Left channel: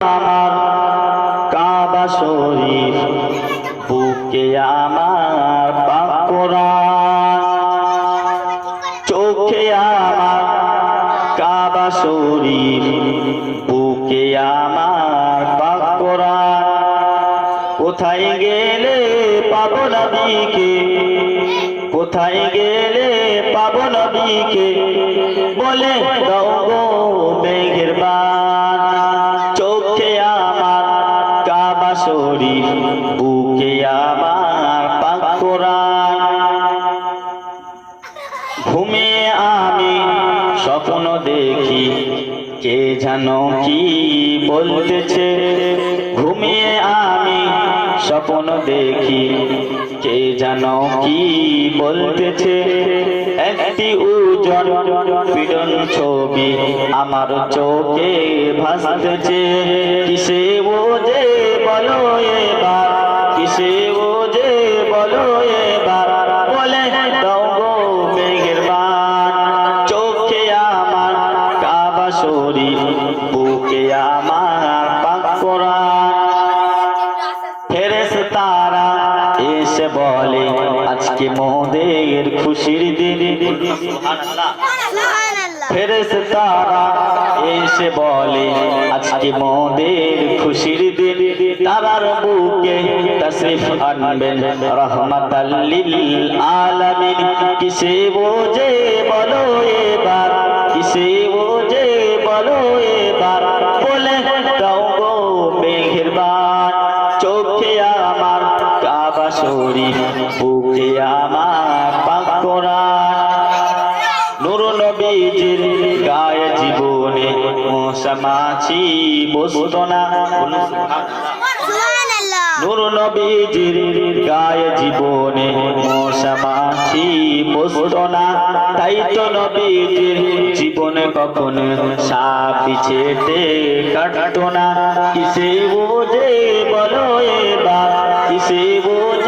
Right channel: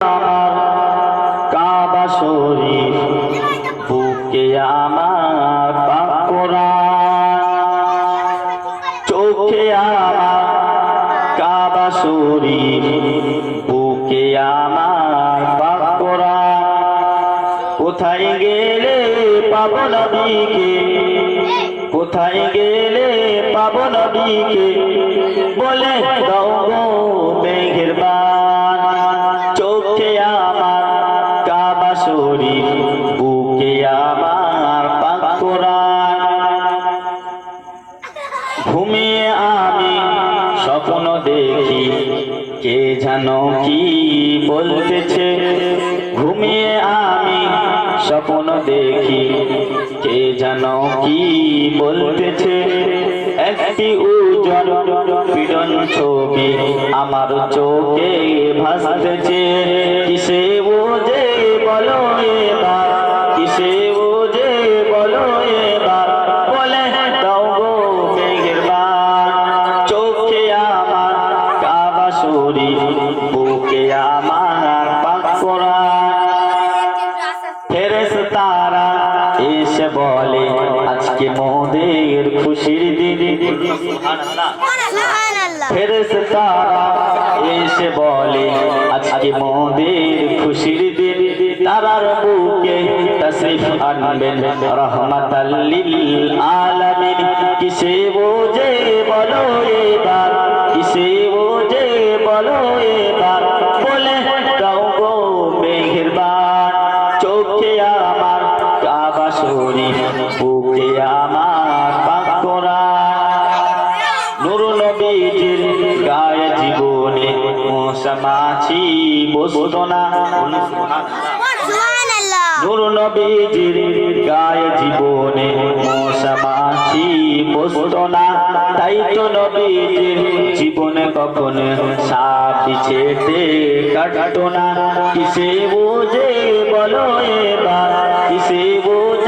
আমার কাবা শরীফ বুকে আমার পাক কোরআন চোখে আমার কাবা শরীফ বুকে আমার পাক কোরআন কোথায় গেলে পাবো নবীকে কোথায় গেলে পাবো নবীকে বলে দাও গো মেহেরবান চোখে আমার কাবা শরীফ বুকে আমার পাক কোরআন ঘুমিয়ে আমি স্বপ্ন দেখি কে জানো কি বলতেছে ঘুমিয়ে আমি স্বপ্ন দেখি কে জানো কি বলতেছে একটি উজ্জ্বল পীড়ন ছবি আমার চোখে ভাসতেছে কিসে ও যে বলো এবার কিসে ও যে বলো এবার বলে দাও গো মেহেরবান চোখে আমার কাবা শরীফ বুকে আমার পাক কোরআন ফেরেশতারা এসে বলে আজকে মোদের খুশির দিন ফেরেশতারা এসে বলে আজকে মোদের খুশির দিন তারার বুকে তাশরিফ আনবেন রাহমাতাল লিল আলামিন কিসে বোঝে বলো এবার কিসে বোঝে বলো এবার বলে দাও গো মেহেরবান চোখে আমার কাবা শরীফ বুকে আমার পাক কোরআন নূর নবীজির গায়ে জীবনে মশা মাছি বসতো না নূর নবীজির গায়ে জীবনে মশা মাছি বসতো না তাই তো নবীজির জীবনে কখনো সাপ বিছেতে কাটতো না কিসে বোঝে বলো এবার কিসে বোঝে